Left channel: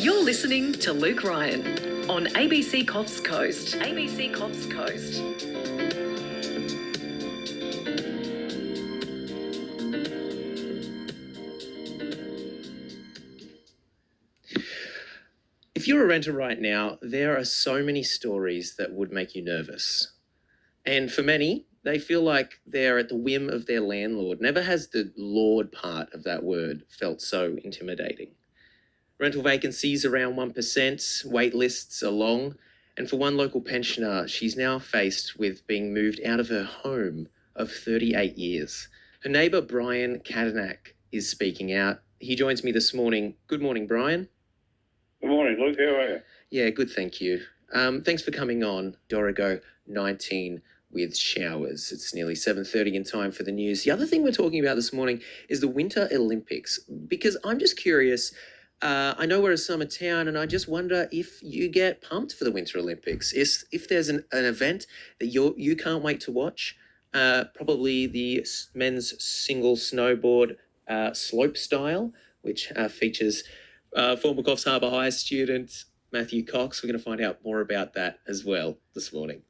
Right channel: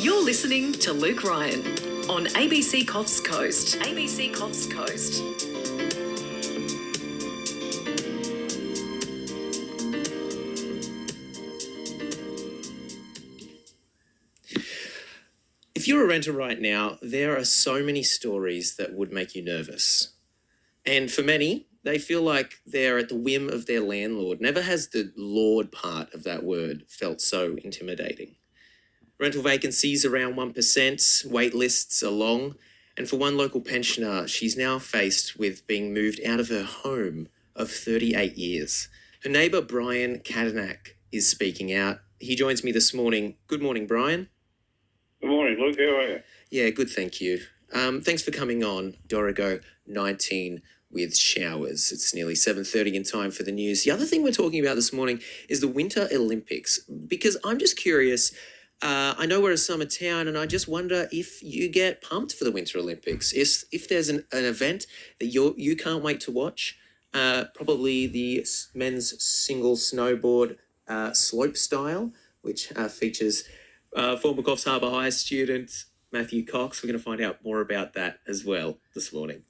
You're listening to Luke Ryan on ABC Coffs Coast. ABC Coffs Coast. If you're a renter right now, there are so many stories that would make you nervous. And for many, they feel like they're at the whim of their landlord. Never has the lord part of that word felt so intimidating. Rental vacancies around 1%, wait lists are long, and for one local pensioner, she's now faced with being moved out of her home of 38 years. Her neighbour, Brian Kadanak, is speaking out. He joins me this morning. Good morning, Brian. Good morning, Luke. How are you? Yeah, good, thank you. Thanks for coming on. Dorigo 19 with showers. It's nearly 7:30 in time for the news. The other thing we're talking about this morning is the Winter Olympics, because I'm just curious. I know we're a summer town, and I just wonder if you get pumped for the Winter Olympics. If there's an event that you can't wait to watch, probably the men's single snowboard slope style, which features former Coffs Harbour High student Matthew Cox. We're going to find out more about that as well this morning.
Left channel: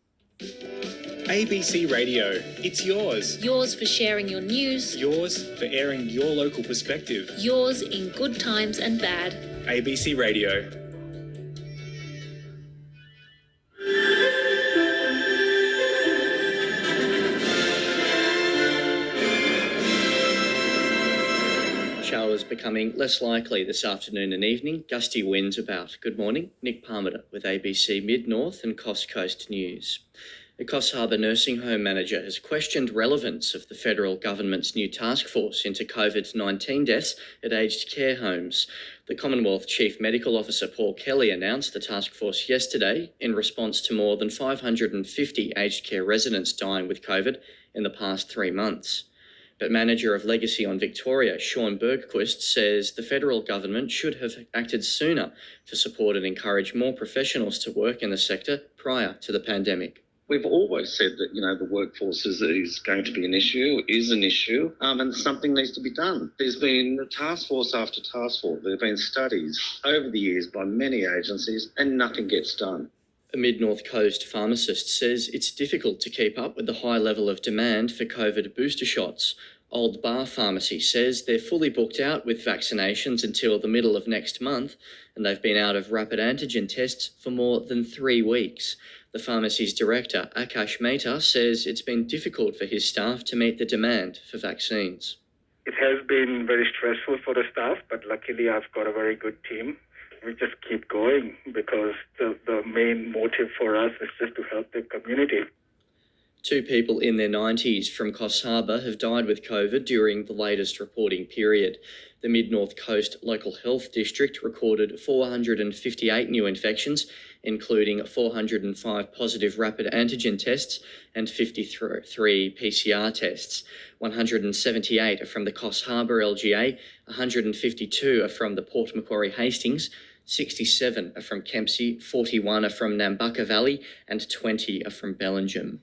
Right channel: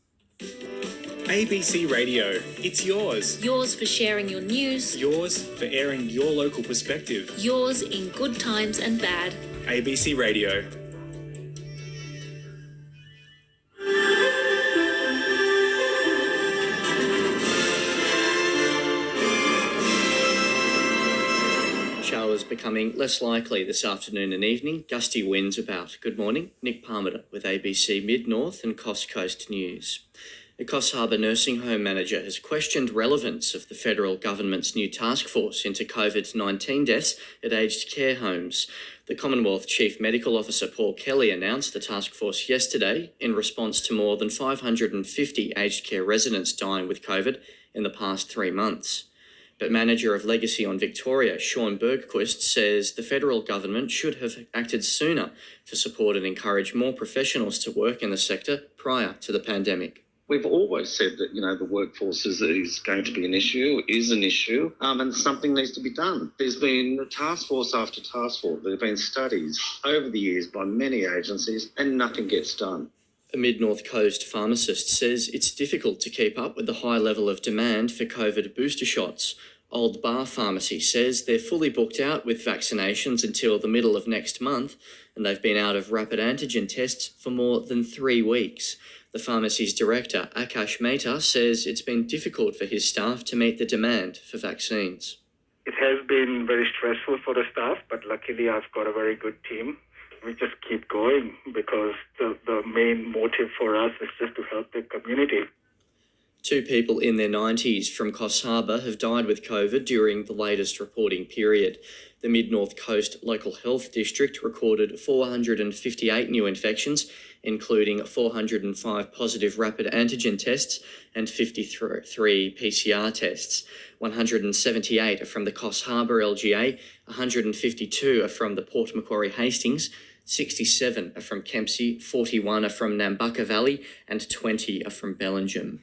ABC Radio, it's yours. Yours for sharing your news. Yours for airing your local perspective. Yours in good times and bad. ABC Radio. Showers becoming less likely this afternoon and evening. Gusty winds about. Good morning. Nick Parmiter with ABC Mid-North and Coffs Coast News. The Coffs Harbour nursing home manager has questioned relevance of the federal government's new task force into COVID-19 deaths at aged care homes. The Commonwealth Chief Medical Officer Paul Kelly announced the task force yesterday in response to more than 550 aged care residents dying with COVID in the past 3 months. But manager of Legacy on Victoria, Sean Bergquist, says the federal government should have acted sooner to support and encourage more professionals to work in the sector prior to the pandemic. We've always said that, the workforce is going to be an issue, and something needs to be done. There's been task force after task force. There have been studies over the years by many agencies, and nothing gets done. A Mid-North Coast pharmacist says it's difficult to keep up with the high level of demand for COVID booster shots. Old Bar Pharmacy says they're fully booked out with vaccinations until the middle of next month, and they've been out of rapid antigen tests for more than 3 weeks. The pharmacy's director, Akash Mehta, says it's been difficult for his staff to meet the demand for vaccines. It has been very stressful for the staff, but luckily I've got a very good team. We just keep going because the main motive for us is just to help the community. 2 people in their 90s from Coffs Harbour have died with COVID during the latest reporting period. The Mid-North Coast Local Health District recorded 458 new infections, including 405 positive rapid antigen tests and 53 PCR tests. 178 are from the Coffs Harbour LGA, 152 are from the Port Macquarie Hastings, 67 are from Kempsey, 41 are from Nambucca Valley, and 20 are from Bellingham.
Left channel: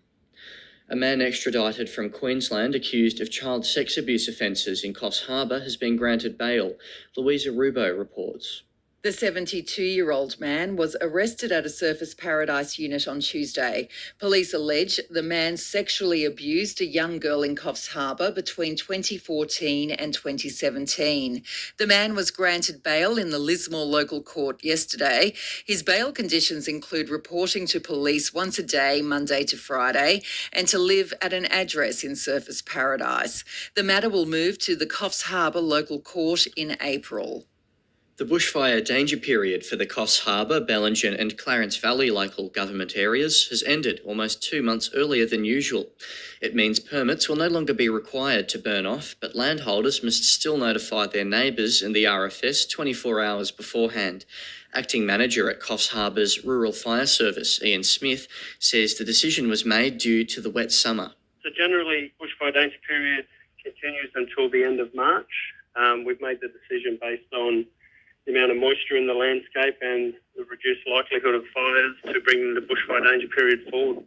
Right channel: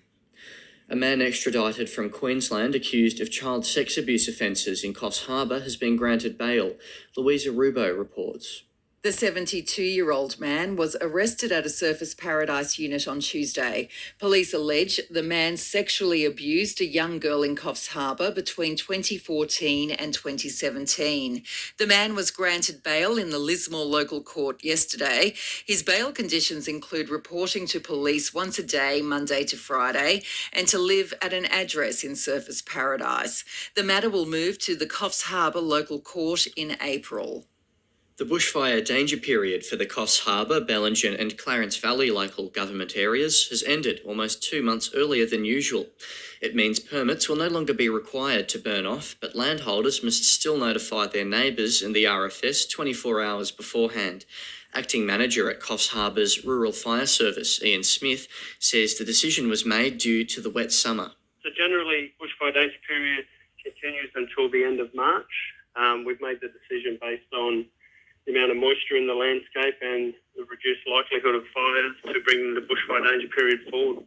A man extradited from Queensland accused of child sex abuse offences in Coffs Harbour has been granted bail. Louisa Rubo reports. The 72-year-old man was arrested at a Surfers Paradise unit on Tuesday. Police allege the man sexually abused a young girl in Coffs Harbour between 2014 and 2017. The man was granted bail in the Lismore local court yesterday. His bail conditions include reporting to police once a day, Monday to Friday, and to live at an address in Surfers Paradise. The matter will move to the Coffs Harbour local court in April. The bushfire danger period for the Coffs Harbour, Bellingham and Clarence Valley local government areas has ended almost 2 months earlier than usual. It means permits will no longer be required to burn off, but landholders must still notify their neighbours and the RFS 24 hours beforehand. Acting Manager at Coffs Harbour's Rural Fire Service, Ian Smith, says the decision was made due to the wet summer. So generally, bushfire danger period continues until the end of March. We've made the decision based on the amount of moisture in the landscape and the reduced likelihood of fires to bring the bushfire danger period forward.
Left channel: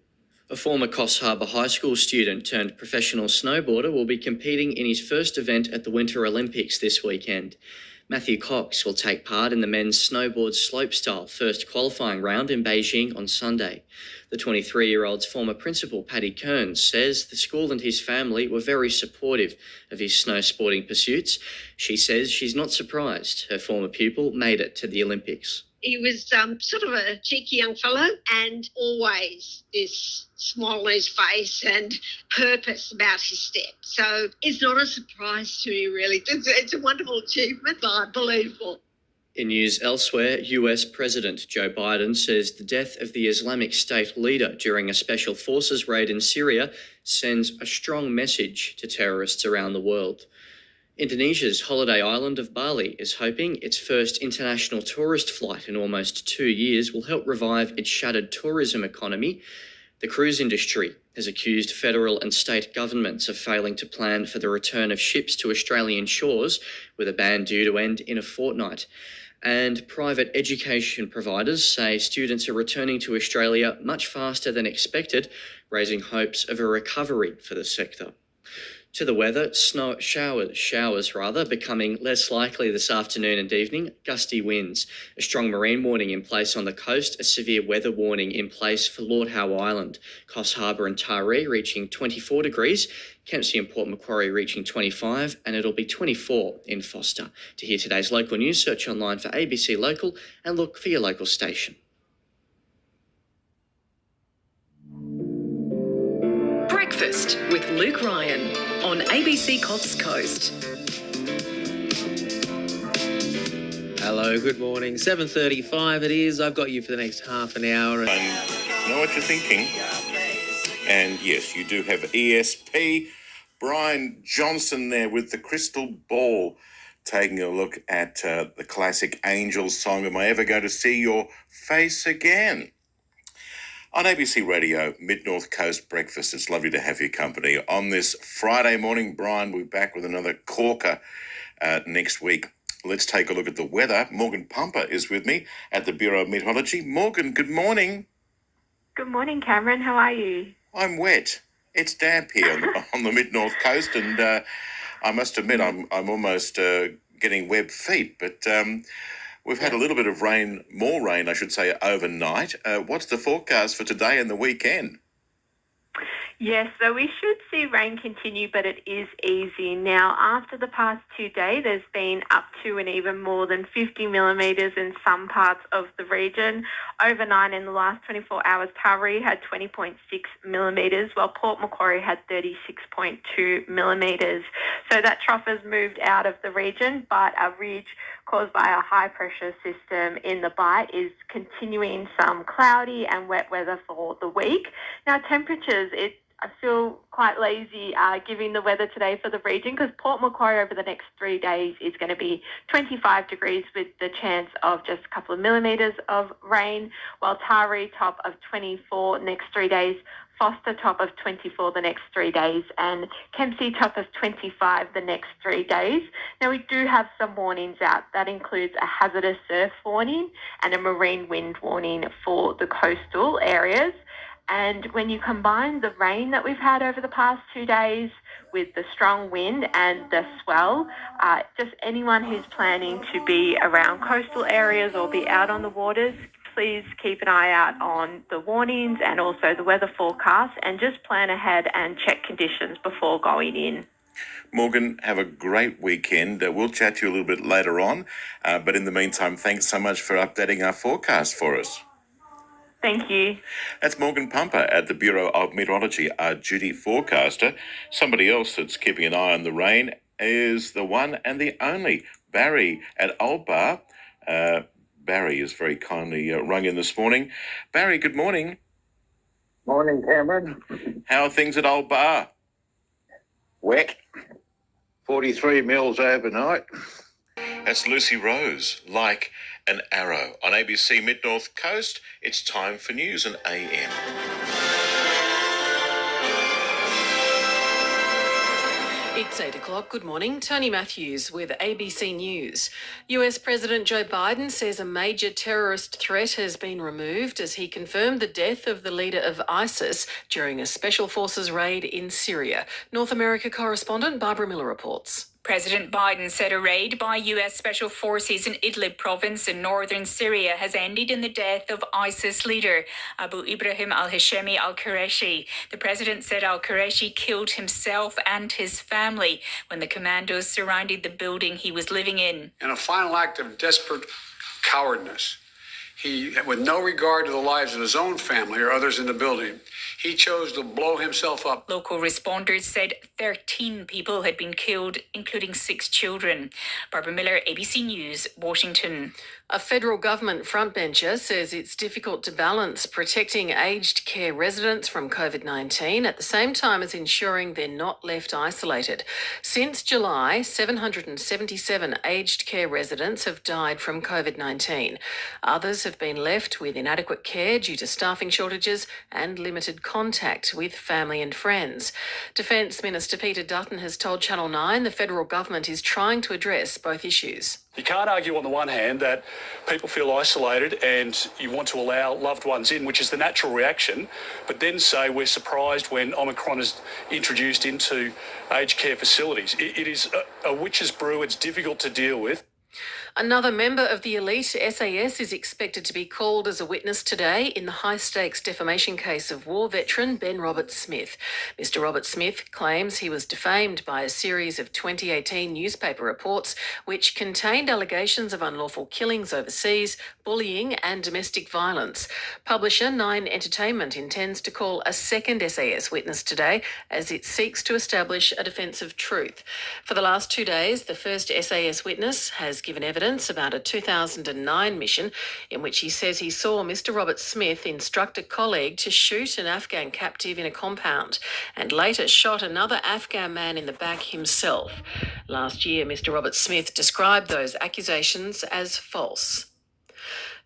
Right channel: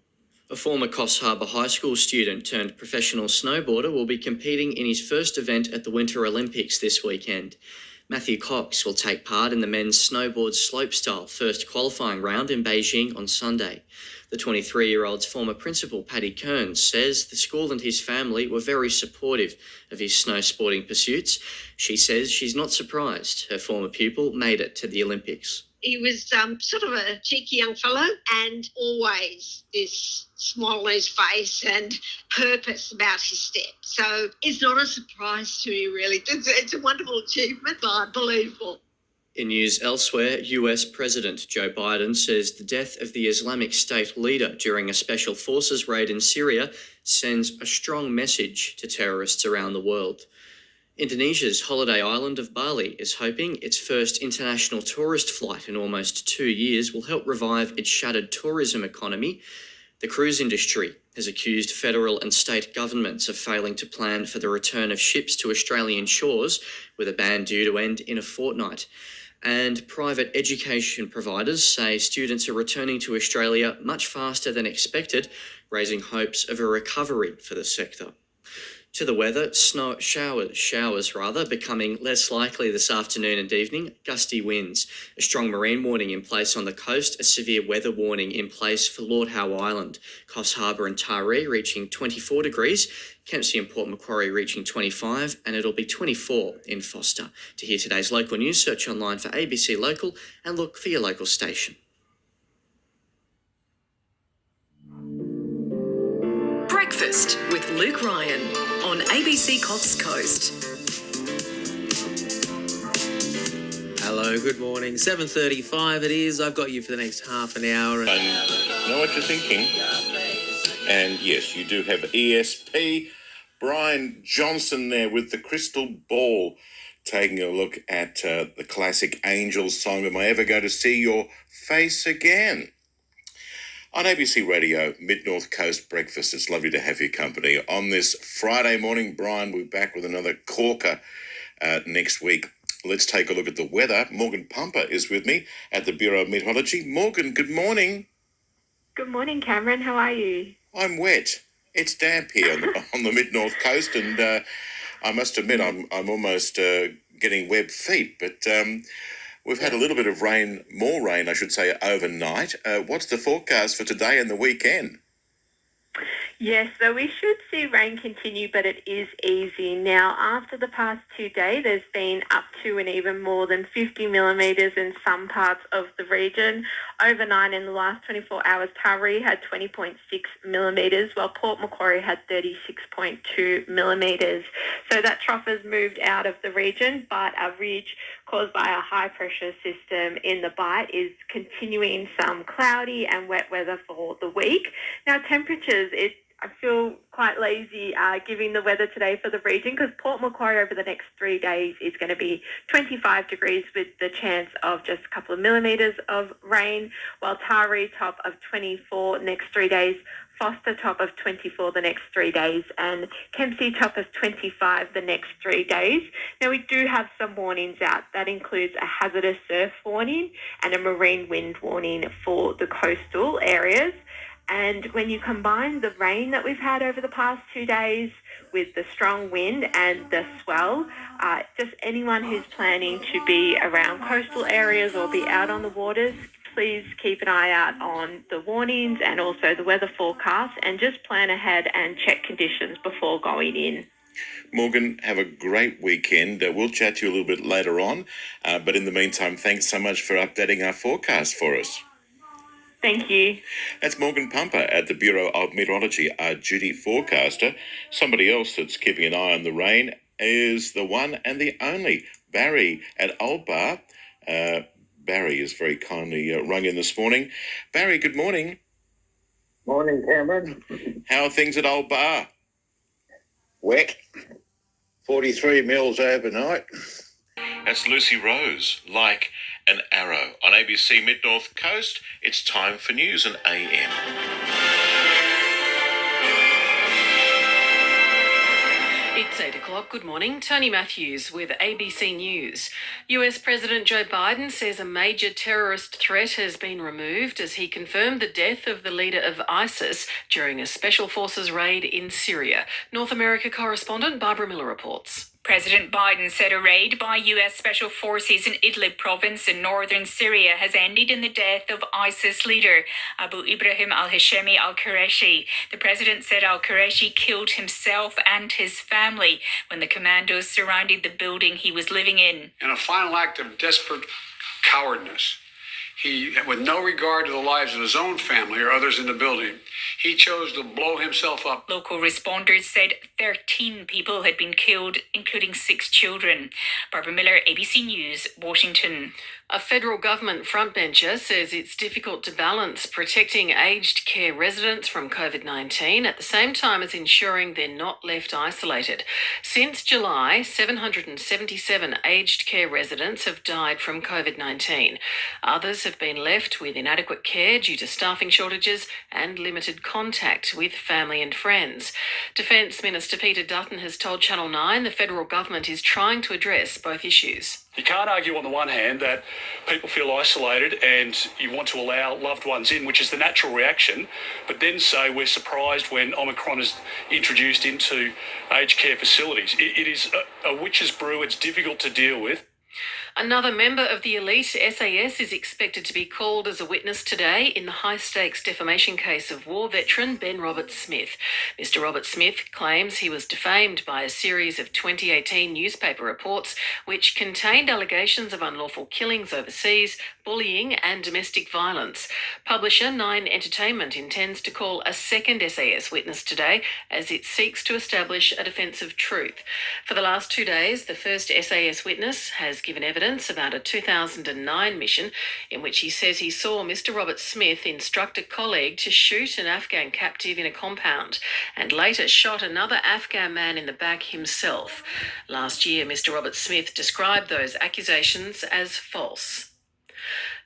A former Coffs Harbour High School student turned professional snowboarder will be competing in his first event at the Winter Olympics this weekend. Matthew Cox will take part in the men's snowboard slopestyle first qualifying round in Beijing on Sunday. The 23-year-old's former principal, Paddy Kearns, says the school and his family were very supportive of his snow sporting pursuits. She says she's not surprised her former pupil made it to the Olympics. He was sort of a cheeky young fellow and always this smile on his face and purpose about his step. So it's not a surprise to me, really. It's a wonderful achievement, but believable. In news elsewhere, US President Joe Biden says the death of the Islamic State leader during a special forces raid in Syria sends a strong message to terrorists around the world. Indonesia's holiday island of Bali is hoping its first international tourist flight in almost 2 years will help revive its shattered tourism economy. The cruise industry has accused federal and state governments of failing to plan for the return of ships to Australian shores, with a ban due to end in a fortnight. And private education providers say students are returning to Australia much faster than expected, raising hopes of a recovery for the sector. To the weather, showers becoming less likely this afternoon and evening, gusty winds, a strong marine warning in place on the coast, a severe weather warning in place for Lord Howe Island, Coffs Harbour and Taree reaching 24 degrees, Kempsey and Port Macquarie reaching 25, and it'll be 24 in Foster. To hear today's local news, search online for ABC Local and look for your local station. Breakfast with Luke Ryan on ABC Coffs Coast. Hello, good morning. 7:35 it is. I've got you for the next half an hour. I know what you're thinking. And yes, you do have ESP. Brian Johnson there with the crystal ball, taking a look at the classic Angels song, Am I Ever Going to See Your Face Again? On ABC Radio, Mid-North Coast Breakfast, it's lovely to have your company. On this Friday morning, Brian, we're back with another corker next week. Let's take a look at the weather. Morgan Pumper is with me at the Bureau of Meteorology. Morgan, good morning. Good morning, Cameron. How are you? I'm wet. It's damp here on the Mid-North Coast, and I must admit I'm almost getting web feet, but... We've had a little bit of rain, more rain, I should say, overnight. What's the forecast for today and the weekend? Yes, so we should see rain continue, but it is easy. Now, after the past 2 days, there's been up to and even more than 50 millimetres in some parts of the region. Overnight, in the last 24 hours, Taree had 20.6 millimetres, while Port Macquarie had 36.2 millimetres. So that trough has moved out of the region, but a ridge caused by a high-pressure system in the Bight is continuing some cloudy and wet weather for the week. Now, temperatures, I feel quite lazy giving the weather today for the region, because Port Macquarie over the next 3 days is going to be 25 degrees with the chance of just a couple of millimetres of rain, while Taree top of 24 next 3 days, Foster top of 24 the next 3 days, and Kempsey top of 25 the next 3 days. Now, we do have some warnings out. That includes a hazardous surf warning and a marine wind warning for the coastal areas. And when you combine the rain that we've had over the past 2 days with the strong wind and the swell, just anyone who's planning to be around coastal areas or be out on the waters, please keep an eye out on the warnings and also the weather forecast, and just plan ahead and check conditions before going in. Morgan, have a great weekend. We'll chat to you a little bit later on. But in the meantime, thanks so much for updating our forecast for us. Thank you. That's Morgan Pumper at the Bureau of Meteorology, our duty forecaster. Somebody else that's keeping an eye on the rain is the one and the only Barry at Old Bar. Barry is very kindly rung in this morning. Barry, good morning. Morning, Cameron. How are things at Old Bar? Wet. 43 mils overnight. That's Lucy Rose, like an arrow. On ABC Mid-North Coast, it's time for News and AM. It's 8 o'clock. Good morning. Tony Matthews with ABC News. US President Joe Biden says a major terrorist threat has been removed as he confirmed the death of the leader of ISIS during a special forces raid in Syria. North America correspondent Barbara Miller reports. President Biden said a raid by US special forces in Idlib province in northern Syria has ended in the death of ISIS leader Abu Ibrahim al-Hashemi al-Qureshi. The president said al-Qureshi killed himself and his family when the commandos surrounded the building he was living in. In a final act of desperate cowardness, he, with no regard to the lives of his own family or others in the building, he chose to blow himself up. Local responders said 13 people had been killed, including 6 children. Barbara Miller, ABC News, Washington. A federal government frontbencher says it's difficult to balance protecting aged care residents from COVID-19 at the same time as ensuring they're not left isolated. Since July, 777 aged care residents have died from COVID-19. Others have been left with inadequate care due to staffing shortages and limited contact with family and friends. Defence Minister Peter Dutton has told Channel 9 the federal government is trying to address both issues. You can't argue on the one hand that people feel isolated and you want to allow loved ones in, which is the natural reaction, but then say we're surprised when Omicron is introduced into aged care facilities. It is a witch's brew. It's difficult to deal with. Another member of the elite SAS is expected to be called as a witness today in the high-stakes defamation case of war veteran Ben Roberts-Smith. Mr. Roberts-Smith claims he was defamed by a series of 2018 newspaper reports which contained allegations of unlawful killings overseas, bullying and domestic violence. Publisher Nine Entertainment intends to call a second SAS witness today as it seeks to establish a defence of truth. For the last 2 days, the first SAS witness has given evidence about a 2009 mission in which he says he saw Mr. Roberts-Smith instruct a colleague to shoot an Afghan captive in a compound and later shot another Afghan man in the back himself. Last year, Mr. Roberts-Smith described those accusations as false.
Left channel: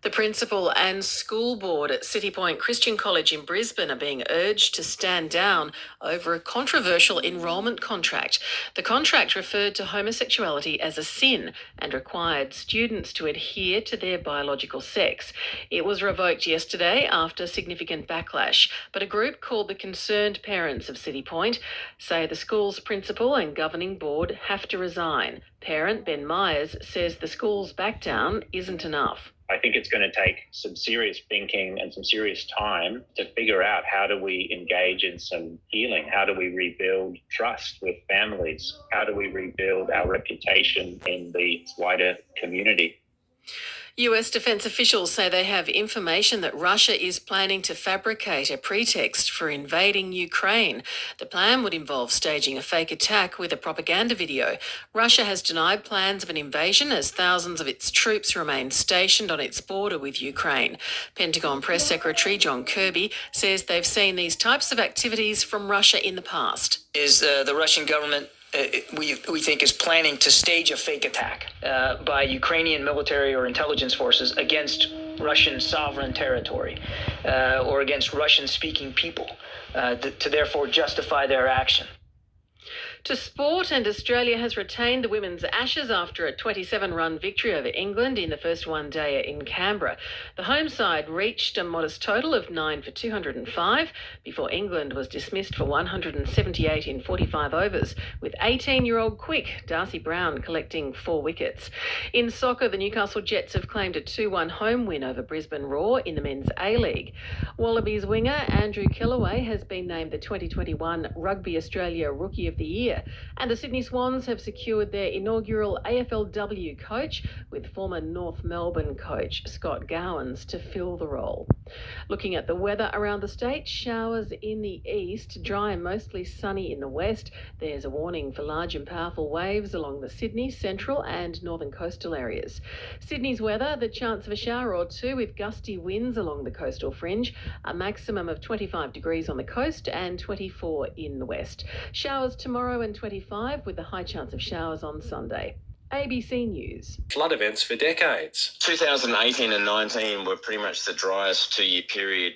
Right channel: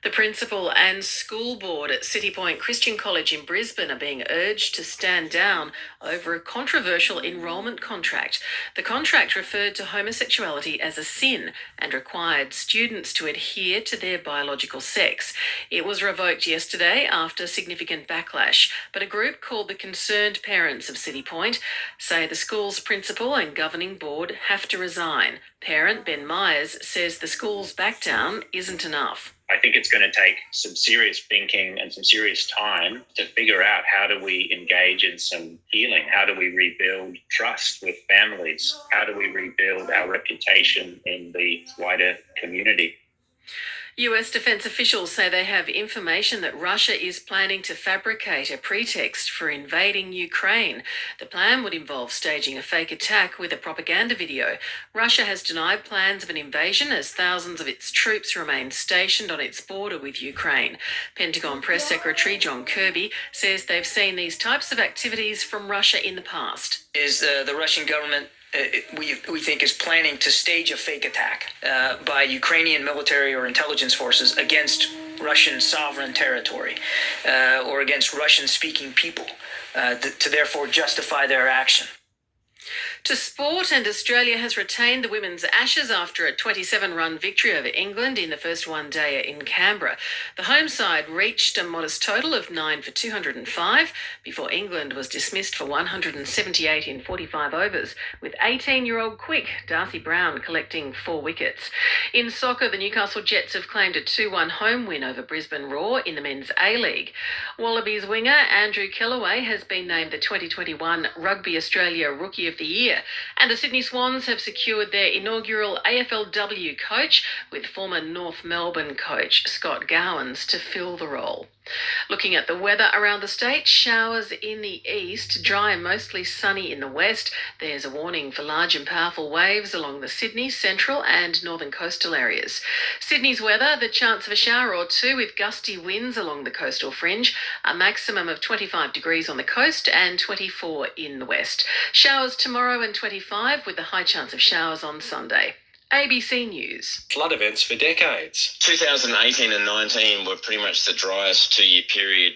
The principal and school board at City Point Christian College in Brisbane are being urged to stand down over a controversial enrolment contract. The contract referred to homosexuality as a sin and required students to adhere to their biological sex. It was revoked yesterday after significant backlash, but a group called the Concerned Parents of City Point say the school's principal and governing board have to resign. Parent Ben Myers says the school's backdown isn't enough. I think it's going to take some serious thinking and some serious time to figure out how do we engage in some healing? How do we rebuild trust with families? How do we rebuild our reputation in the wider community? US defence officials say they have information that Russia is planning to fabricate a pretext for invading Ukraine. The plan would involve staging a fake attack with a propaganda video. Russia has denied plans of an invasion as thousands of its troops remain stationed on its border with Ukraine. Pentagon Press Secretary John Kirby says they've seen these types of activities from Russia in the past. Is the Russian government we think is planning to stage a fake attack by Ukrainian military or intelligence forces against Russian sovereign territory or against Russian-speaking people to therefore justify their action. To sport, and Australia has retained the women's Ashes after a 27-run victory over England in the first one-dayer in Canberra. The home side reached a modest total of 9 for 205 before England was dismissed for 178 in 45 overs, with 18-year-old quick Darcy Brown collecting 4 wickets. In soccer, the Newcastle Jets have claimed a 2-1 home win over Brisbane Roar in the men's A-League. Wallabies winger Andrew Kellaway has been named the 2021 Rugby Australia Rookie of the Year. And the Sydney Swans have secured their inaugural AFLW coach with former North Melbourne coach Scott Gowans to fill the role. Looking at the weather around the state, showers in the east, dry and mostly sunny in the west. There's a warning for large and powerful waves along the Sydney, central and northern coastal areas. Sydney's weather, the chance of a shower or two with gusty winds along the coastal fringe, a maximum of 25 degrees on the coast and 24 in the west. Showers tomorrow and 25 with a high chance of showers on Sunday. ABC News. Flood events for decades. 2018 and 19 were pretty much the driest 2-year period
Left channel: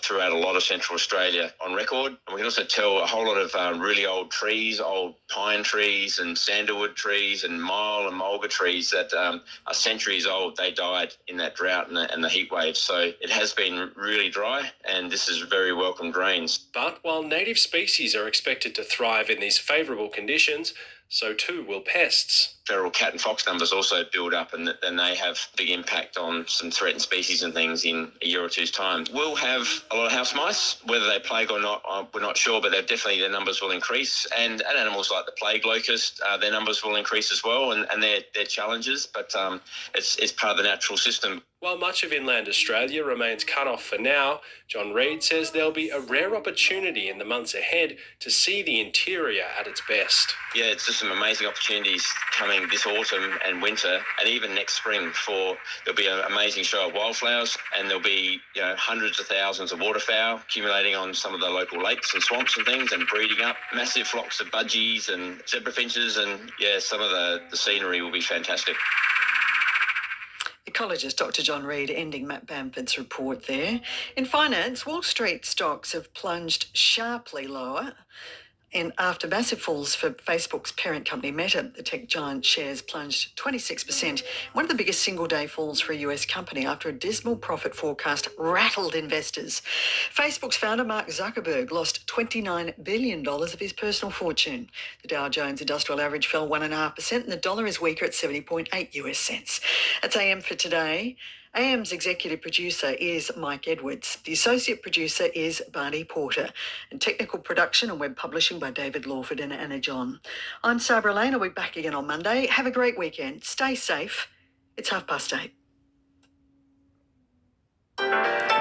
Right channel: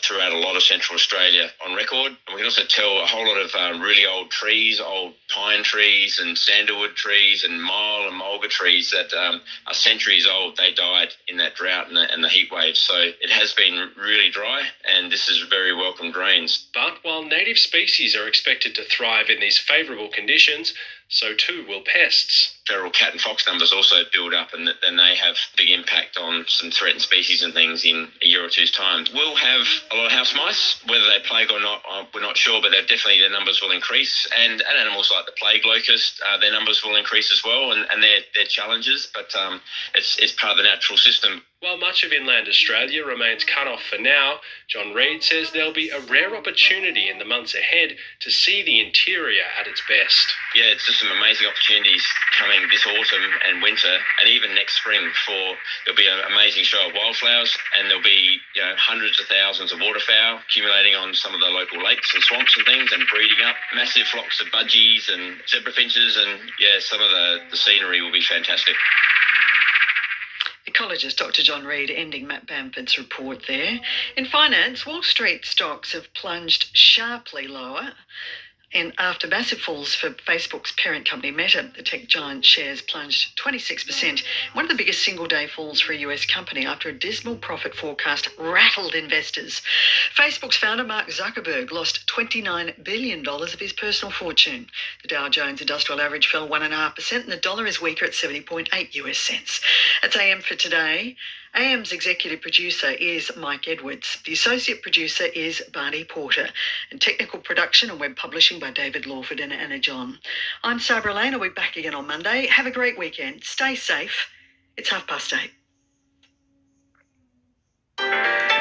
throughout a lot of Central Australia on record. And we can also tell a whole lot of really old trees, old pine trees and sandalwood trees and myall and mulga trees that are centuries old. They died in that drought and the heat wave. So it has been really dry, and this is very welcomed rains. But while native species are expected to thrive in these favourable conditions, so too will pests. Feral cat and fox numbers also build up, and then they have big impact on some threatened species and things in a year or two's time. We'll have a lot of house mice, whether they plague or not, we're not sure, but their numbers will increase. And animals like the plague locust, their numbers will increase as well, and they're challenges, but it's part of the natural system. While much of inland Australia remains cut off for now, John Reid says there'll be a rare opportunity in the months ahead to see the interior at its best. Yeah, it's just some amazing opportunities coming this autumn and winter, and even next spring. There'll be an amazing show of wildflowers, and there'll be hundreds of thousands of waterfowl accumulating on some of the local lakes and swamps and things, and breeding up massive flocks of budgies and zebra finches, and some of the scenery will be fantastic. Ecologist Dr. John Reid ending Matt Bamford's report there. In finance, Wall Street stocks have plunged sharply lower. And after massive falls for Facebook's parent company Meta, the tech giant shares plunged 26%, one of the biggest single-day falls for a US company after a dismal profit forecast rattled investors. Facebook's founder Mark Zuckerberg lost $29 billion of his personal fortune. The Dow Jones Industrial Average fell 1.5%, and the dollar is weaker at 70.8 US cents. That's AM for today. AM's executive producer is Mike Edwards. The associate producer is Barney Porter. And technical production and web publishing by David Lawford and Anna John. I'm Sabra Lane. I'll be back again on Monday. Have a great weekend. Stay safe. It's 8:30.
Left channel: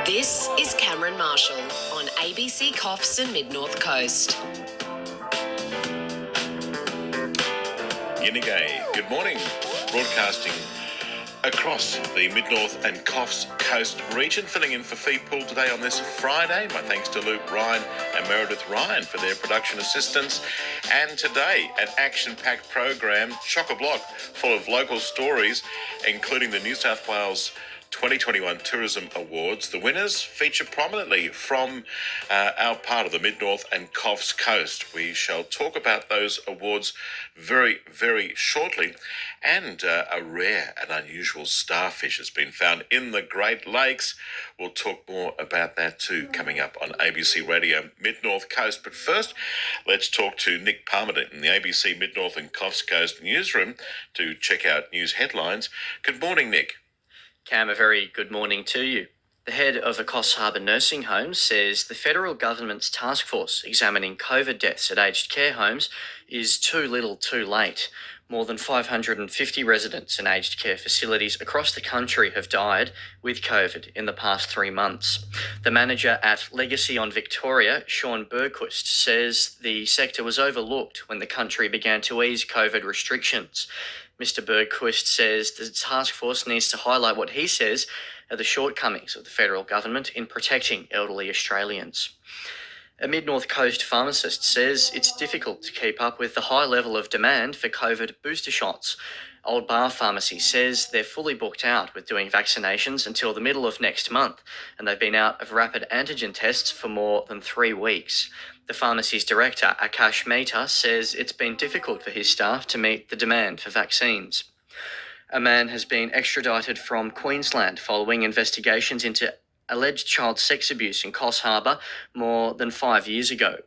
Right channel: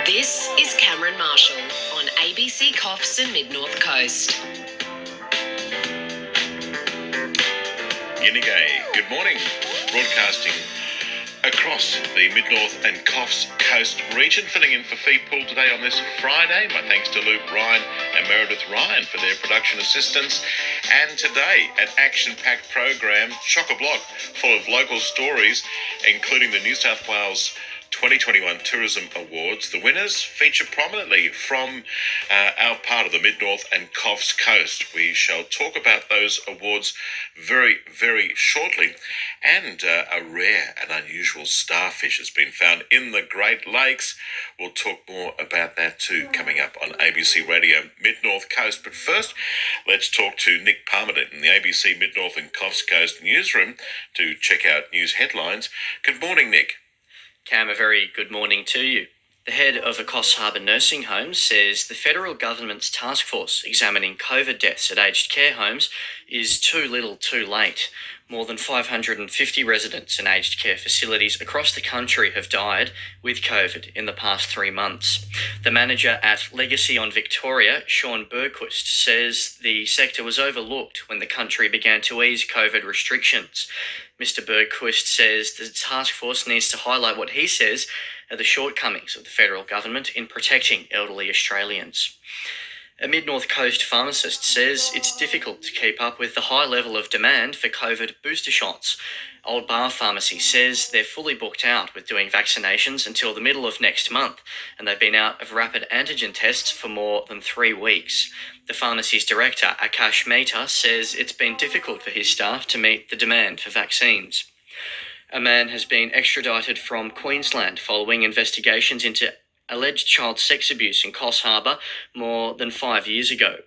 This is Cameron Marshall on ABC Coffs and Mid-North Coast. Yinigay, good morning. Broadcasting across the Mid-North and Coffs Coast region, filling in for Fee Pool today on this Friday. My thanks to Luke Ryan and Meredith Ryan for their production assistance. And today, an action-packed program, chock-a-block, full of local stories, including the New South Wales 2021 Tourism Awards. The winners feature prominently from our part of the Mid-North and Coffs Coast. We shall talk about those awards very, very shortly. And a rare and unusual starfish has been found in the Great Lakes. We'll talk more about that too coming up on ABC Radio Mid-North Coast. But first, let's talk to Nick Palmer in the ABC Mid-North and Coffs Coast newsroom to check out news headlines. Good morning, Nick. Cam, a very good morning to you. The head of a Coffs Harbour nursing home says the federal government's task force examining COVID deaths at aged care homes is too little too late. More than 550 residents in aged care facilities across the country have died with COVID in the past 3 months. The manager at Legacy on Victoria, Sean Bergquist, says the sector was overlooked when the country began to ease COVID restrictions. Mr. Bergquist says the task force needs to highlight what he says are the shortcomings of the federal government in protecting elderly Australians. A Mid-North Coast pharmacist says it's difficult to keep up with the high level of demand for COVID booster shots. Old Bar Pharmacy says they're fully booked out with doing vaccinations until the middle of next month, and they've been out of rapid antigen tests for more than 3 weeks. The pharmacy's director, Akash Mehta, says it's been difficult for his staff to meet the demand for vaccines. A man has been extradited from Queensland following investigations into alleged child sex abuse in Coffs Harbour more than 5 years ago.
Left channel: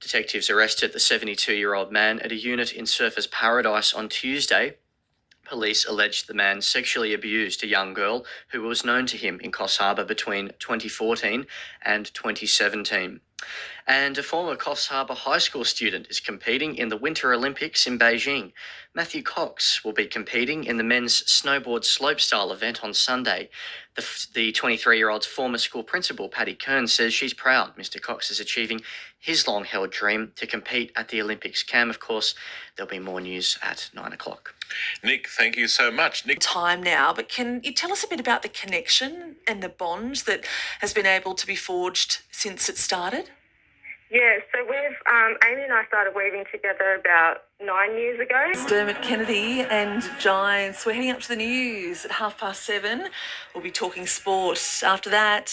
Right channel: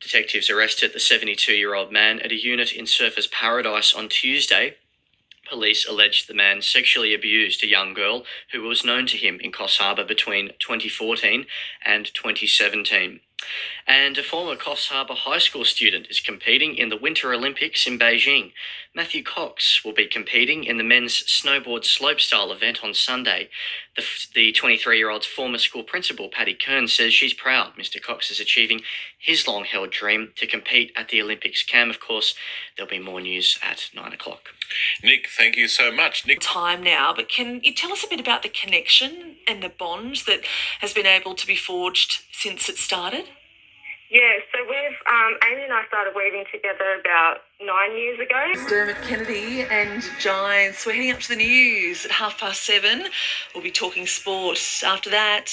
Detectives arrested the 72-year-old man at a unit in Surfers Paradise on Tuesday. Police alleged the man sexually abused a young girl who was known to him in Coffs Harbour between 2014 and 2017. And a former Coffs Harbour High School student is competing in the Winter Olympics in Beijing. Matthew Cox will be competing in the men's snowboard slopestyle event on Sunday. The 23-year-old's former school principal, Paddy Kern, says she's proud Mr. Cox is achieving his long-held dream to compete at the Olympics. Cam, of course, there'll be more news at 9 o'clock. Nick, thank you so much. Nick. Time now, but can you tell us a bit about the connection and the bond that has been able to be forged since it started? Yeah, so Amy and I started weaving together about 9 years ago. It's Dermot Kennedy and Giants. We're heading up to the news at 7:30. We'll be talking sport after that.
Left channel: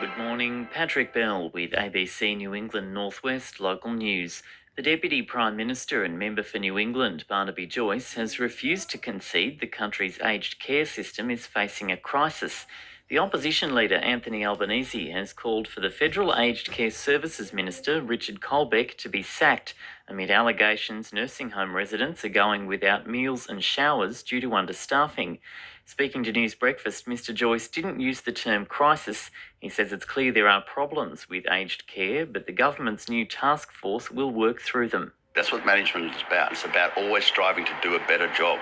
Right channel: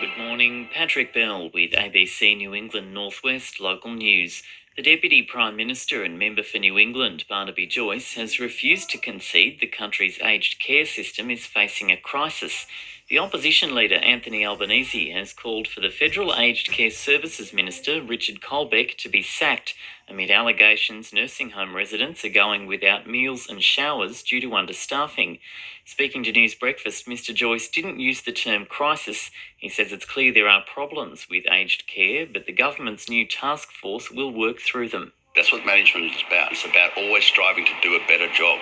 Good morning, Patrick Bell with ABC New England Northwest Local News. The Deputy Prime Minister and member for New England, Barnaby Joyce, has refused to concede the country's aged care system is facing a crisis. The opposition leader, Anthony Albanese, has called for the Federal Aged Care Services Minister, Richard Colbeck, to be sacked amid allegations nursing home residents are going without meals and showers due to understaffing. Speaking to News Breakfast, Mr Joyce didn't use the term crisis. He says it's clear there are problems with aged care, but the government's new task force will work through them. That's what management is about. It's about always striving to do a better job.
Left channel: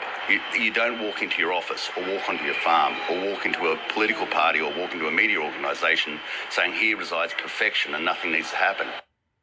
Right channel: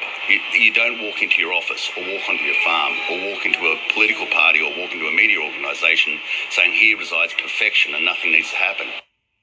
You don't walk into your office or walk onto your farm or walk into a political party or walk into a media organisation saying here resides perfection and nothing needs to happen.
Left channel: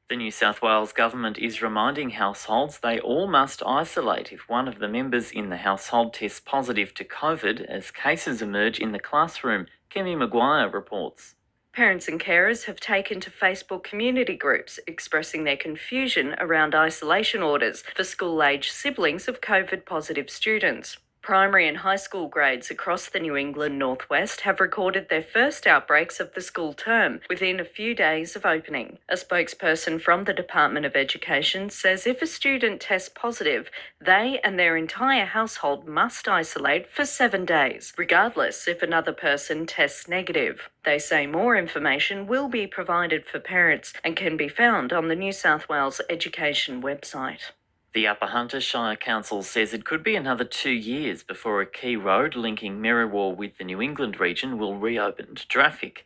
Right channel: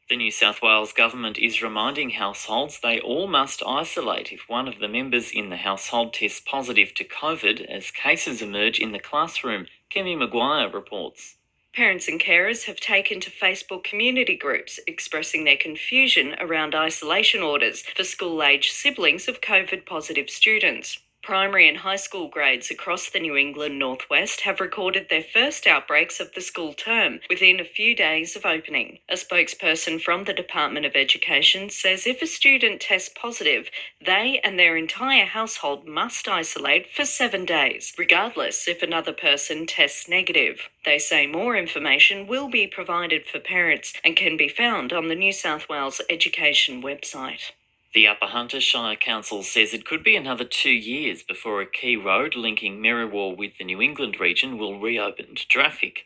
The New South Wales government is reminding households they all must isolate if one of the members in the household tests positive to COVID as cases emerge in the classroom. Kemi Maguire reports. Parents and carers have taken to Facebook community groups expressing their confusion around isolation orders for school-aged siblings of COVID-positive students. Primary and high school grades across the New England Northwest have recorded their first outbreaks of the school term within a few days of opening. A spokesperson from the Department of Education says if a student tests positive, they and their entire household must isolate for 7 days, regardless if another person tests negative. They say more information will be provided for parents and can be found on the New South Wales Education website. The Upper Hunter Shire Council says it could be another 2 years before a key road linking Merriwa with the New England region will reopen to traffic.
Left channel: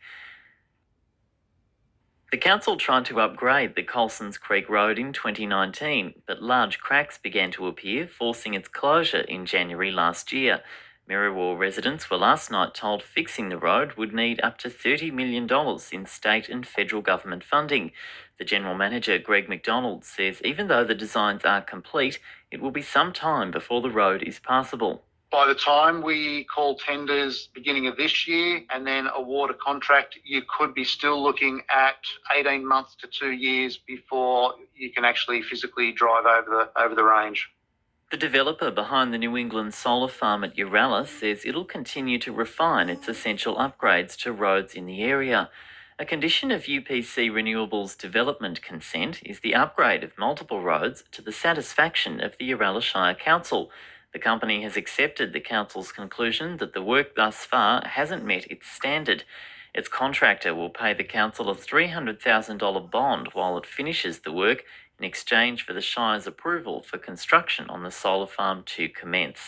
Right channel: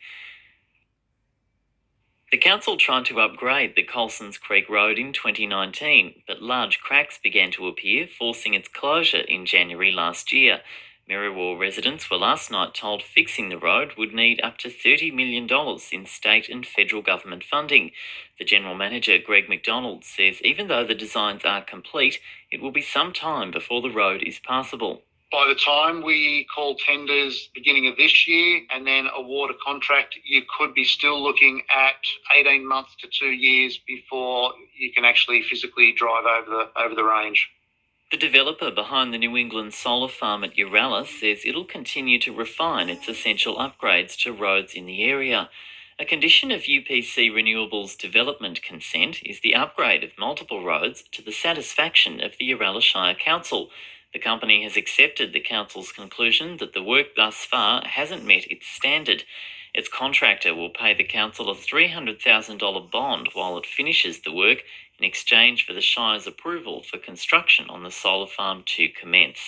The council tried to upgrade the Colsons Creek Road in 2019, but large cracks began to appear, forcing its closure in January last year. Merriwa residents were last night told fixing the road would need up to $30 million in state and federal government funding. The General Manager, Greg McDonald, says even though the designs are complete, it will be some time before the road is passable. By the time we call tenders beginning of this year and then award a contract, you could be still looking at 18 months to 2 years before you can actually physically drive over the range. The developer behind the New England solar farm at Uralla says it'll continue to refine its essential upgrades to roads in the area. A condition of UPC Renewables development consent is the upgrade of multiple roads to the satisfaction of the Uralla Shire Council. The company has accepted the council's conclusion that the work thus far hasn't met its standard. Its contractor will pay the council a $300,000 bond while it finishes the work in exchange for the Shire's approval for construction on the solar farm to commence.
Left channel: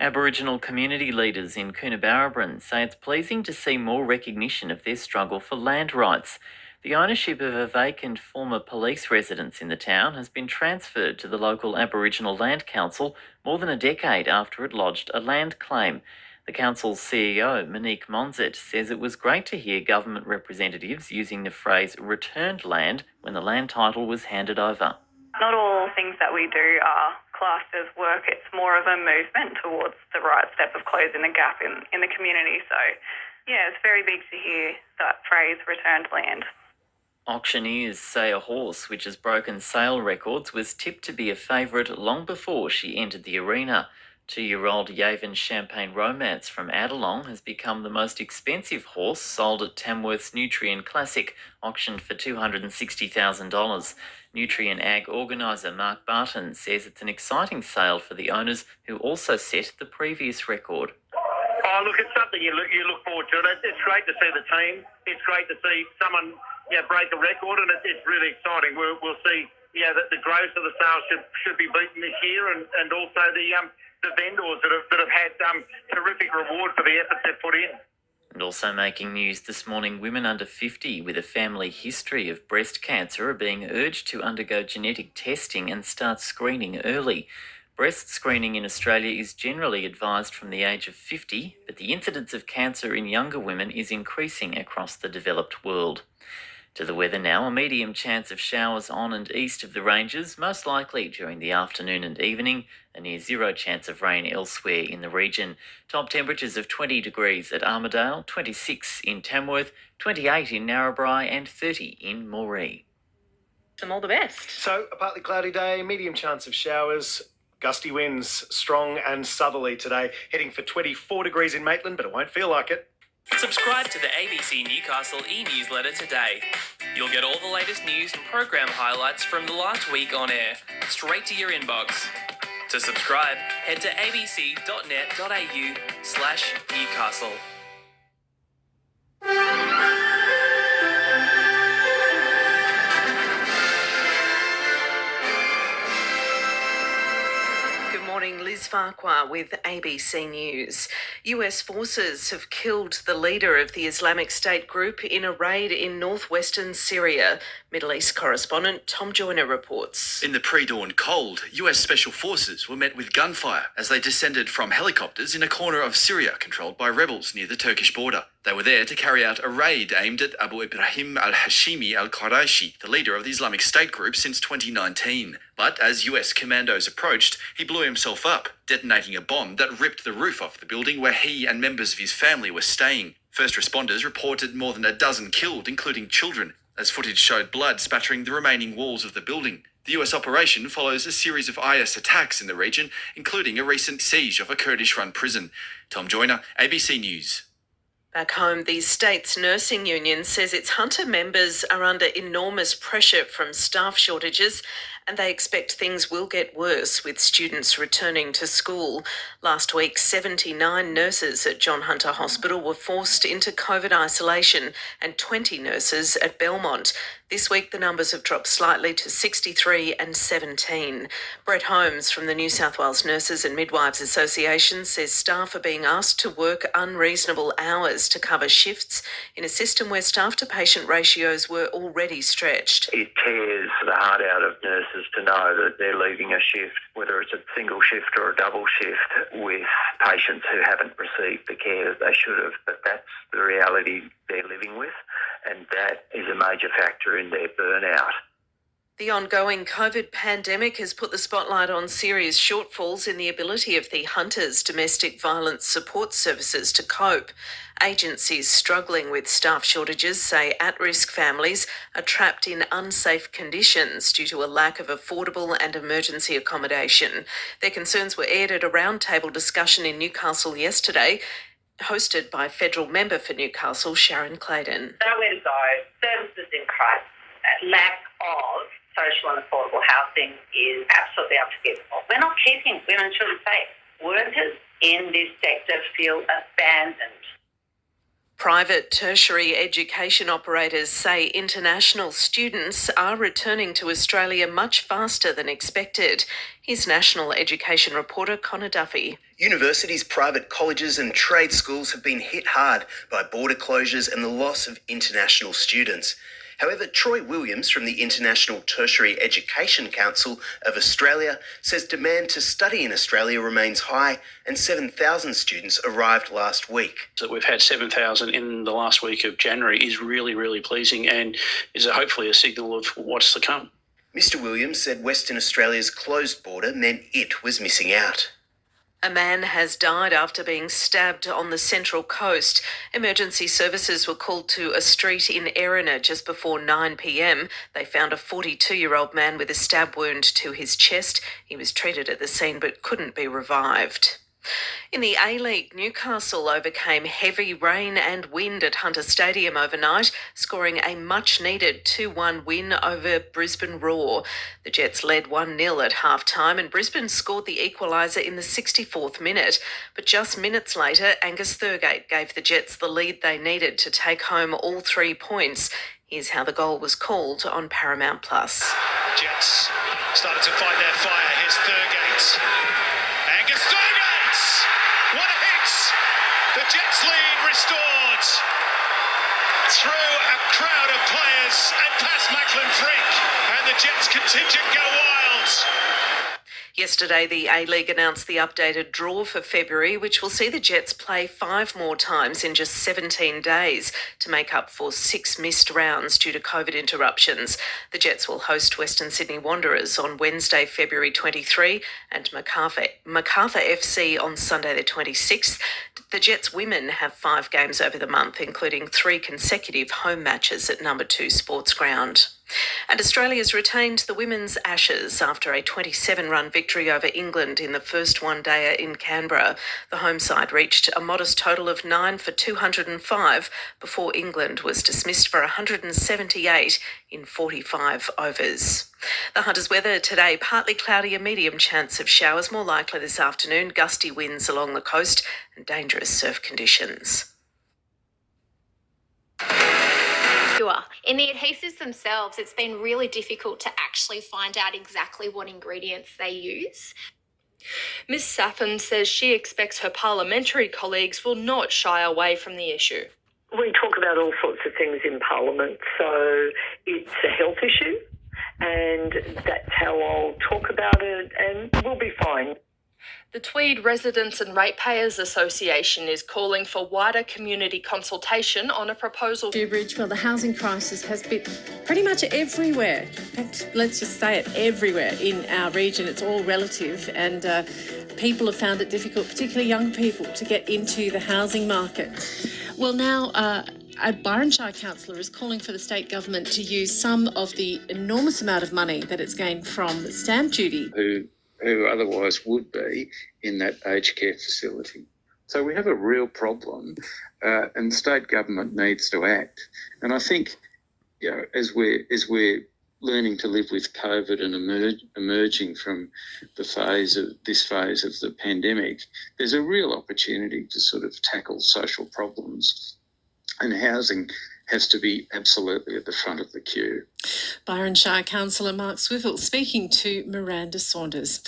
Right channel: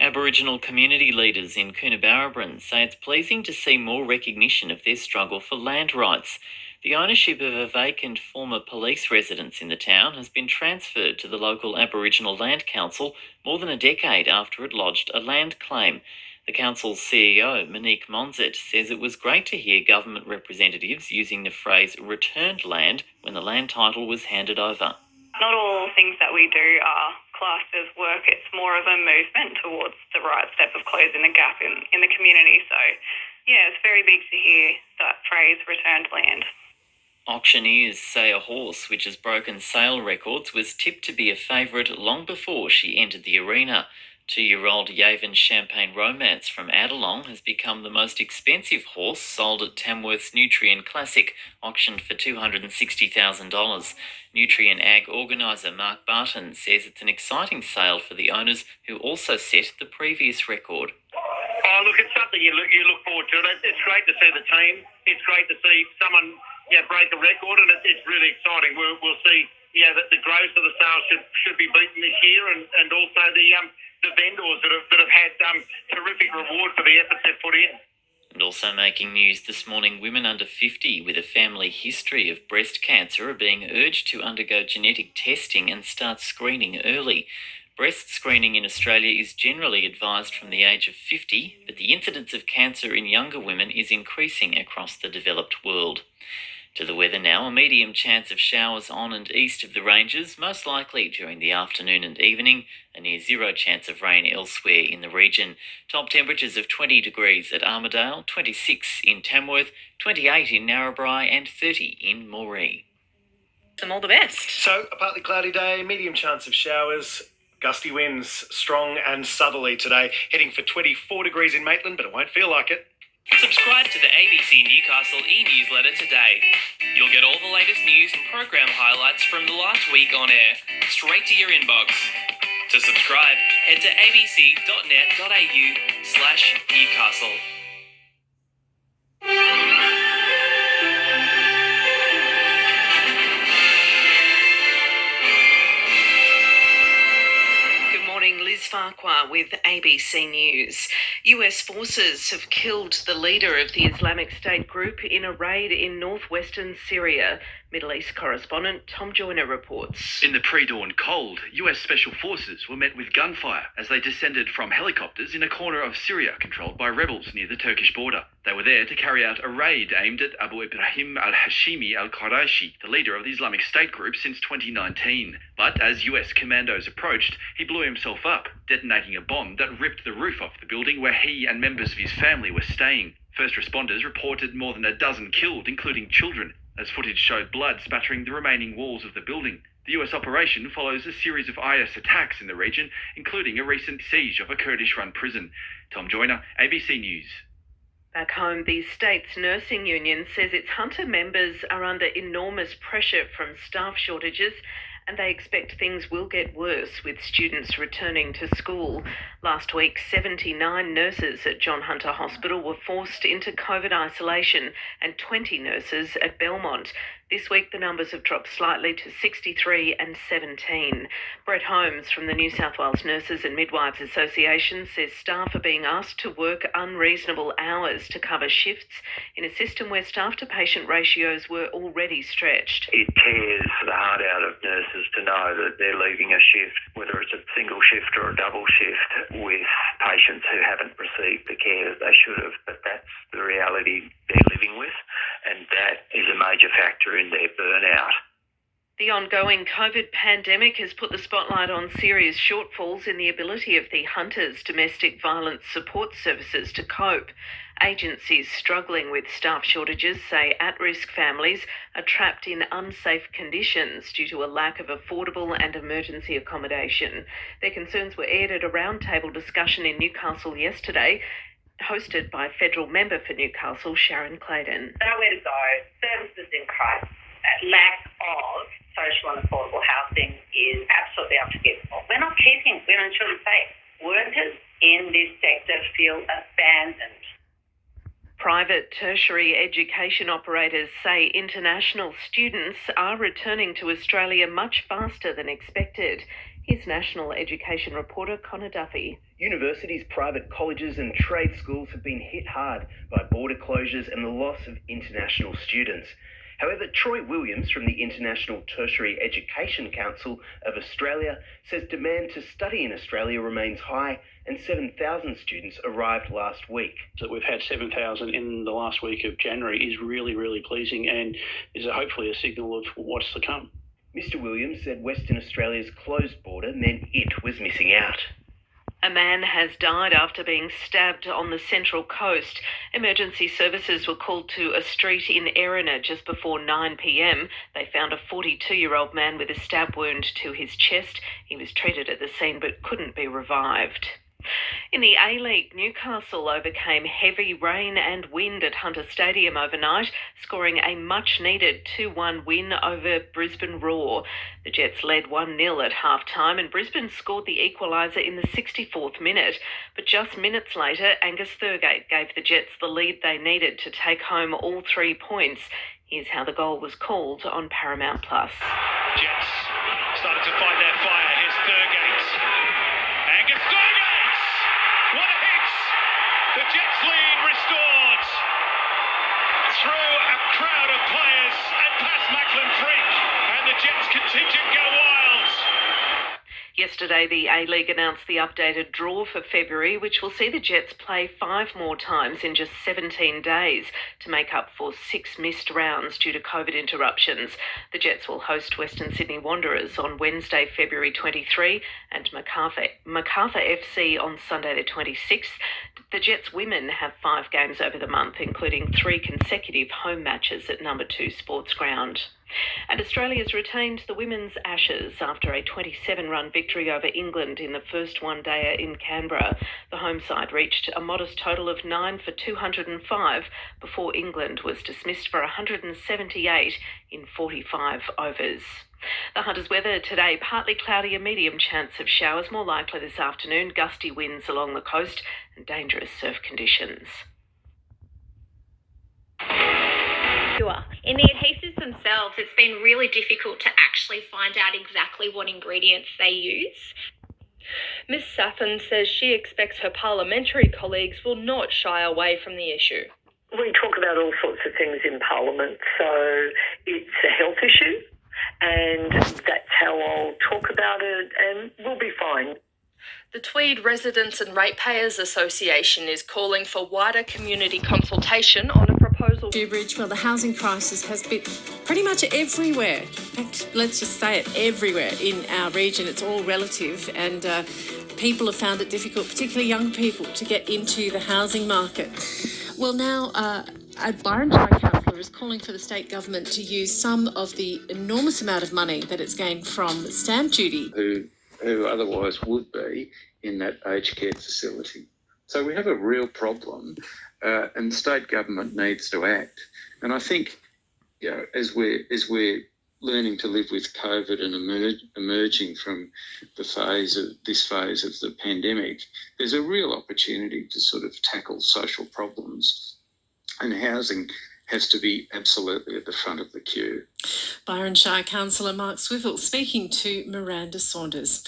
Aboriginal community leaders in Coonabarabran say it's pleasing to see more recognition of their struggle for land rights. The ownership of a vacant former police residence in the town has been transferred to the local Aboriginal Land Council more than a decade after it lodged a land claim. The council's CEO, Monique Monzet, says it was great to hear government representatives using the phrase returned land when the land title was handed over. Not all things that we do are classed as work. It's more of a movement towards the right step of closing the gap in the community. So, yeah, it's very big to hear that phrase, returned land. Auctioneers say a horse which has broken sale records was tipped to be a favourite long before she entered the arena. 2-year-old Yaven Champagne Romance from Adelong has become the most expensive horse sold at Tamworth's Nutrien Classic, auctioned for $260,000. Nutrien Ag organiser Mark Barton says it's an exciting sale for the owners who also set the previous record. Oh, look, it's something you look forward to. It's great to see the team. It's great to see someone break a record, and it's really exciting. We'll see that the growth of the sales should be beaten this year, and also the vendors that have had terrific reward for the efforts they've put in. And also making news this morning, women under 50 with a family history of breast cancer are being urged to undergo genetic testing and start screening early. Breast screening in Australia is generally advised from the age of 50, but the incidence of cancer in younger women is increasing across the developed world. To the weather now, a medium chance of showers on and east of the ranges, most likely during the afternoon and evening, a near zero chance of rain elsewhere in the region. Top temperatures of 20 degrees at Armidale, 26 in Tamworth, 28 in Narrabri and 30 in Moree. All the best. So, a partly cloudy day, medium chance of showers, gusty winds, strong and southerly today, heading for 24 degrees in Maitland, but it won't feel like it. Subscribe to the ABC Newcastle e-newsletter today. You'll get all the latest news and program highlights from the last week on air, straight to your inbox. To subscribe, head to abc.net.au/Newcastle. Liz Farquhar with ABC News. US forces have killed the leader of the Islamic State group in a raid in northwestern Syria. Middle East correspondent Tom Joyner reports. In the pre-dawn cold, US Special Forces were met with gunfire as they descended from helicopters in a corner of Syria controlled by rebels near the Turkish border. They were there to carry out a raid aimed at Abu Ibrahim al-Hashimi al-Quraishi, the leader of the Islamic State group since 2019. But as US commandos approached, he blew himself up, detonating a bomb that ripped the roof off the building where he and members of his family were staying. First responders reported more than a dozen killed, including children, as footage showed blood spattering the remaining walls of the building. The US operation follows a series of IS attacks in the region, including a recent siege of a Kurdish-run prison. Tom Joyner, ABC News. Back home, the state's nursing union says its Hunter members are under enormous pressure from staff shortages, and they expect things will get worse with students returning to school. Last week, 79 nurses at John Hunter Hospital were forced into COVID isolation and 20 nurses at Belmont. This week, the numbers have dropped slightly to 63 and 17. Brett Holmes from the New South Wales Nurses and Midwives Association says staff are being asked to work unreasonable hours to cover shifts in a system where staff-to-patient ratios were already stretched. It tears the heart out of nurses to know that they're leaving a shift, whether it's a single shift or a double shift, with patients who haven't received the care that they should have. But that's the reality they're living with, and that is a major factor in their burnout. The ongoing COVID pandemic has put the spotlight on serious shortfalls in the ability of the Hunters Domestic Violence Support Services to cope. Agencies struggling with staff shortages say at-risk families are trapped in unsafe conditions due to a lack of affordable and emergency accommodation. Their concerns were aired at a roundtable discussion in Newcastle yesterday, hosted by federal member for Newcastle, Sharon Clayton. Nowhere to go, services in crisis, lack of social and affordable housing is absolutely unforgivable. We're not keeping women and children safe. Workers in this sector feel abandoned. Private tertiary education operators say international students are returning to Australia much faster than expected. Here's National Education reporter Connor Duffy. Universities, private colleges and trade schools have been hit hard by border closures and the loss of international students. However, Troy Williams from the International Tertiary Education Council of Australia says demand to study in Australia remains high and 7,000 students arrived last week. That we've had 7,000 in the last week of January is really, really pleasing and is hopefully a signal of what's to come. Mr Williams said Western Australia's closed border meant it was missing out. A man has died after being stabbed on the Central Coast. Emergency services were called to a street in Erina just before 9 p.m. They found a 42-year-old man with a stab wound to his chest. He was treated at the scene but couldn't be revived. In the A-League, Newcastle overcame heavy rain and wind at Hunter Stadium overnight, scoring a much-needed 2-1 win over Brisbane Roar. The Jets led 1-0 at half-time and Brisbane scored the equaliser in the 64th minute. But just minutes later, Angus Thurgate gave the Jets the lead they needed to take home all 3 points. Here's how the goal was called on Paramount+. Jets started to find their fire. Here's Thurgate. Angus Thurgate! What a hit! The Jets lead restored through a crowd of players and past Macklin Freak, and the Jets contingent go wild. Yesterday, the A-League announced the updated draw for February, which will see the Jets play 5 more times in just 17 days to make up for 6 missed rounds due to COVID interruptions. The Jets will host Western Sydney Wanderers on Wednesday, February 23 and Macarthur FC on Sunday the 26th. The Jets women have 5 games over the month, including 3 consecutive home matches at number 2 Sports Ground. And Australia's retained the women's Ashes after a 27-run victory over England in the first one-dayer in Canberra. The home side reached a modest total of 9 for 205 before England was dismissed for 178 in 45 overs. The Hunters' weather today, partly cloudy, a medium chance of showers, more likely this afternoon, gusty winds along the coast and dangerous surf conditions. In the adhesives themselves, it's been really difficult to actually find out exactly what ingredients they use. Ms Saffin says she expects her parliamentary colleagues will not shy away from the issue. We talk about all sorts of things in Parliament, so it's a health issue, and that's how I'll talk about it, and we'll be fine. The Tweed Residents and Ratepayers Association is calling for wider community consultation on a proposal. Bridge, well, the housing crisis has been pretty much everywhere. In fact, let's just say it, everywhere in our region. It's all relative, and people have found it difficult, particularly young people, to get into the housing market. Well, now a Byron Shire councillor is calling for the state government to use some of the enormous amount of money that it's gained from stamp duty. Who otherwise would be in that aged care facility. So we have a real problem, and the state government needs to act. And I think, as we're learning to live with COVID and emerging from this phase of the pandemic, there's a real opportunity to sort of tackle social problems, and housing has to be absolutely at the front of the queue. Byron Shire councillor Mark Swivel speaking to Miranda Saunders.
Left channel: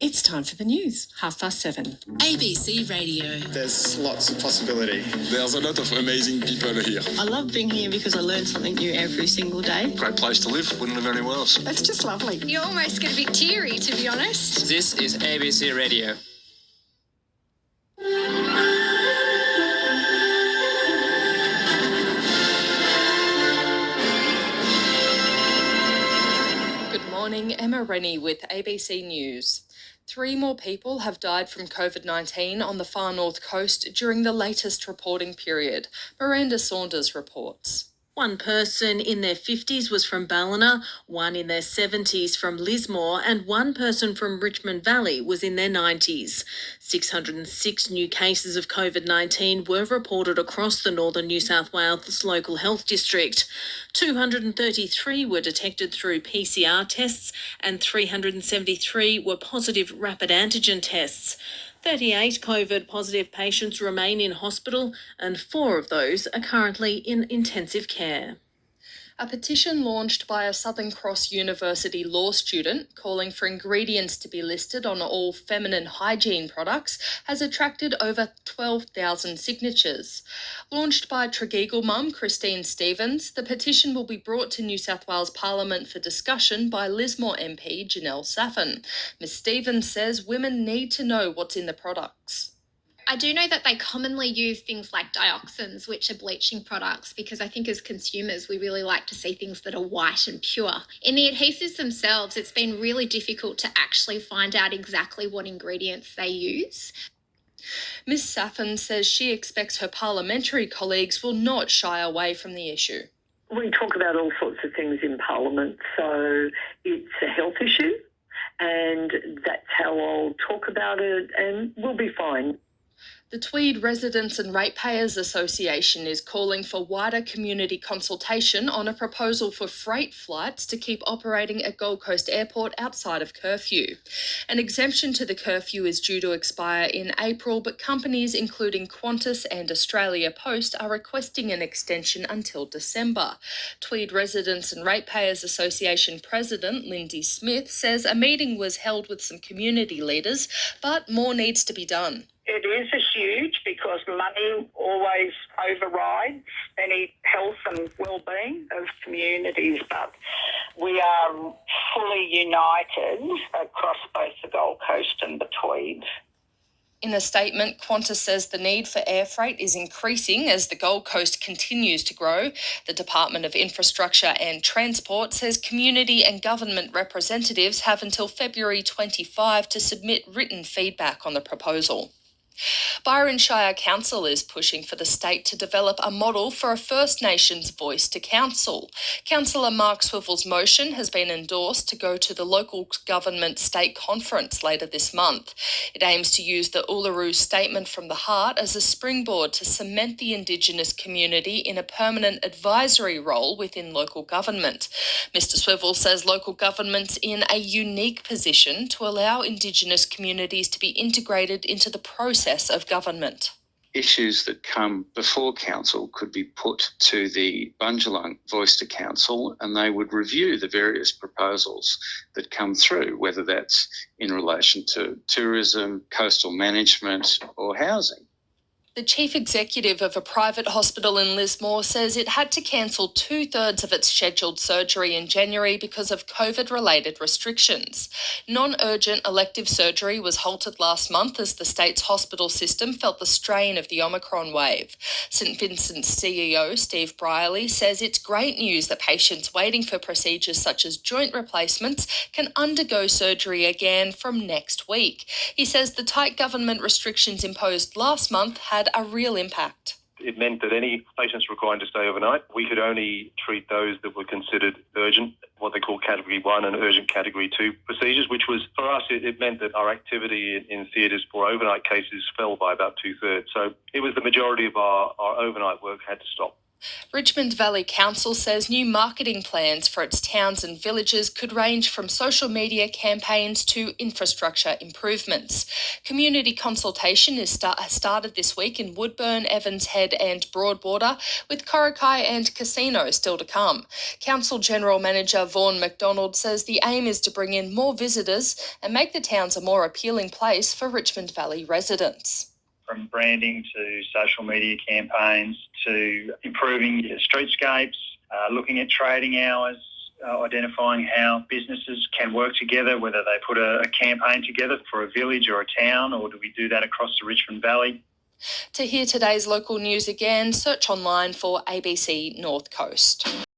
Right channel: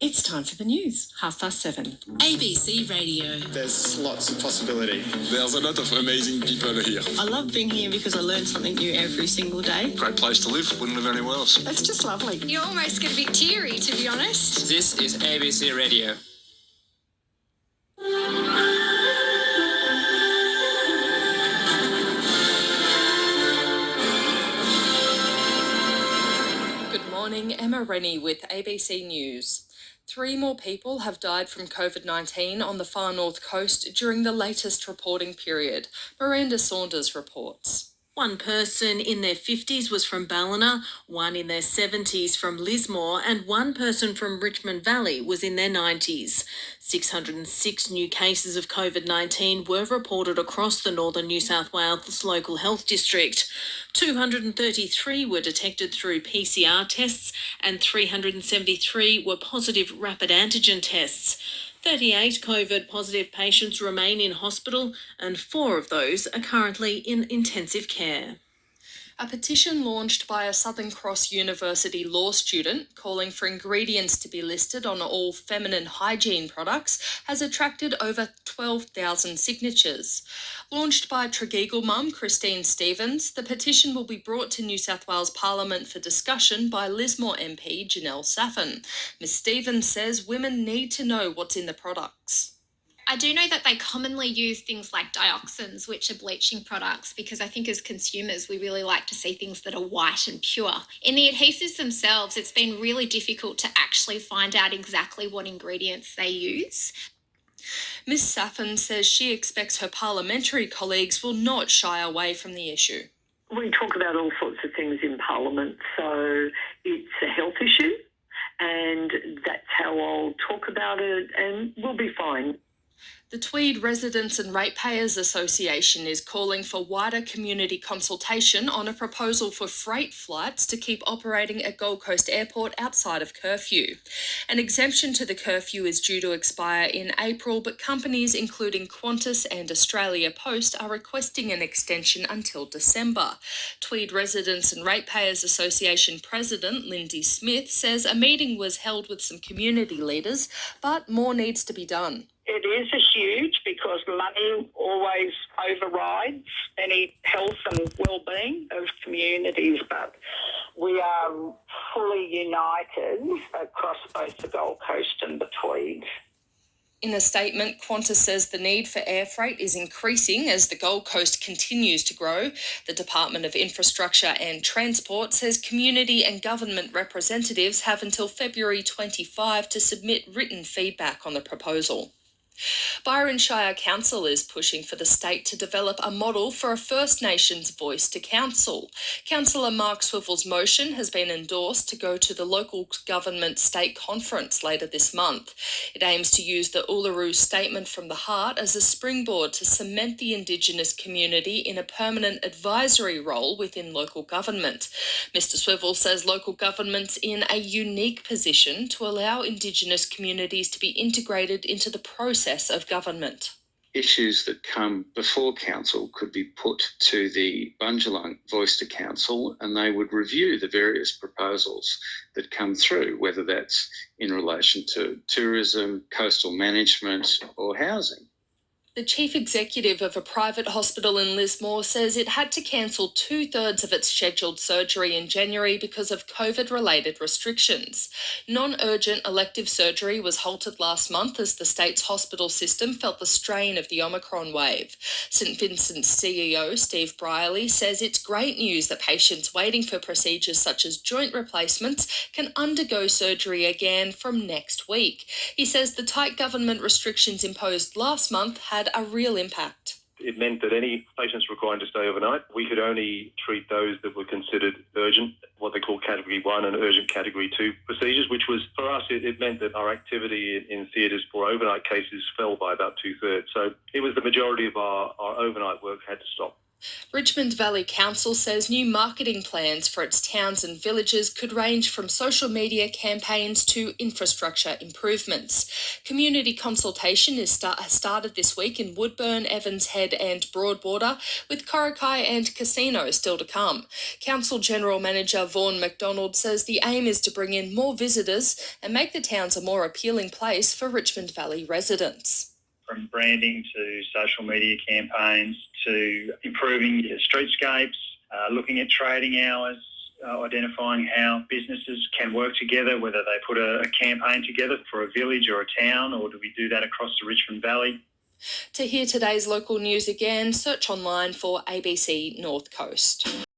It's time for the news, 7:30. ABC Radio. There's lots of possibility. There's a lot of amazing people here. I love being here because I learn something new every single day. Great place to live. Wouldn't live anywhere else. It's just lovely. You almost get a bit teary, to be honest. This is ABC Radio. Good morning, Emma Rennie with ABC News. 3 more people have died from COVID-19 on the far north coast during the latest reporting period. Miranda Saunders reports. One person in their 50s was from Ballina, one in their 70s from Lismore, and one person from Richmond Valley was in their 90s. 606 new cases of COVID-19 were reported across the Northern New South Wales Local Health District. 233 were detected through PCR tests and 373 were positive rapid antigen tests. 38 COVID positive patients remain in hospital and 4 of those are currently in intensive care. A petition launched by a Southern Cross University law student calling for ingredients to be listed on all feminine hygiene products has attracted over 12,000 signatures. Launched by Tregeagle mum Christine Stevens, the petition will be brought to New South Wales Parliament for discussion by Lismore MP Janelle Saffin. Ms Stevens says women need to know what's in the products. I do know that they commonly use things like dioxins, which are bleaching products, because I think as consumers, we really like to see things that are white and pure. In the adhesives themselves, it's been really difficult to actually find out exactly what ingredients they use. Ms Saffin says she expects her parliamentary colleagues will not shy away from the issue. We talk about all sorts of things in Parliament, so it's a health issue, and that's how I'll talk about it, and we'll be fine. The Tweed Residents and Ratepayers Association is calling for wider community consultation on a proposal for freight flights to keep operating at Gold Coast Airport outside of curfew. An exemption to the curfew is due to expire in April, but companies including Qantas and Australia Post are requesting an extension until December. Tweed Residents and Ratepayers Association President Lindsay Smith says a meeting was held with some community leaders, but more needs to be done. It is huge because money always overrides any health and well-being of communities, but we are fully united across both the Gold Coast and the Tweed. In a statement, Qantas says the need for air freight is increasing as the Gold Coast continues to grow. The Department of Infrastructure and Transport says community and government representatives have until February 25 to submit written feedback on the proposal. Byron Shire Council is pushing for the state to develop a model for a First Nations voice to council. Councillor Mark Swivel's motion has been endorsed to go to the local government state conference later this month. It aims to use the Uluru Statement from the Heart as a springboard to cement the Indigenous community in a permanent advisory role within local government. Mr Swivel says local government's in a unique position to allow Indigenous communities to be integrated into the process of government. Issues that come before council could be put to the Bundjalung Voice to Council, and they would review the various proposals that come through, whether that's in relation to tourism, coastal management or housing. The chief executive of a private hospital in Lismore says it had to cancel 2/3 of its scheduled surgery in January because of COVID-related restrictions. Non-urgent elective surgery was halted last month as the state's hospital system felt the strain of the Omicron wave. St Vincent's CEO Steve Brierley says it's great news that patients waiting for procedures such as joint replacements can undergo surgery again from next week. He says the tight government restrictions imposed last month had a real impact. It meant that any patients required to stay overnight, we could only treat those that were considered urgent, what they call Category 1 and urgent Category 2 procedures, which was, for us, it meant that our activity in theatres for overnight cases fell by about 2/3. So it was the majority of our overnight work had to stop. Richmond Valley Council says new marketing plans for its towns and villages could range from social media campaigns to infrastructure improvements. Community consultation has started this week in Woodburn, Evans Head and Broadwater, with Coraki and Casino still to come. Council General Manager Vaughan McDonald says the aim is to bring in more visitors and make the towns a more appealing place for Richmond Valley residents. From branding to social media campaigns to improving streetscapes, looking at trading hours, identifying how businesses can work together, whether they put a campaign together for a village or a town, or do we do that across the Richmond Valley? To hear today's local news again, search online for ABC North Coast.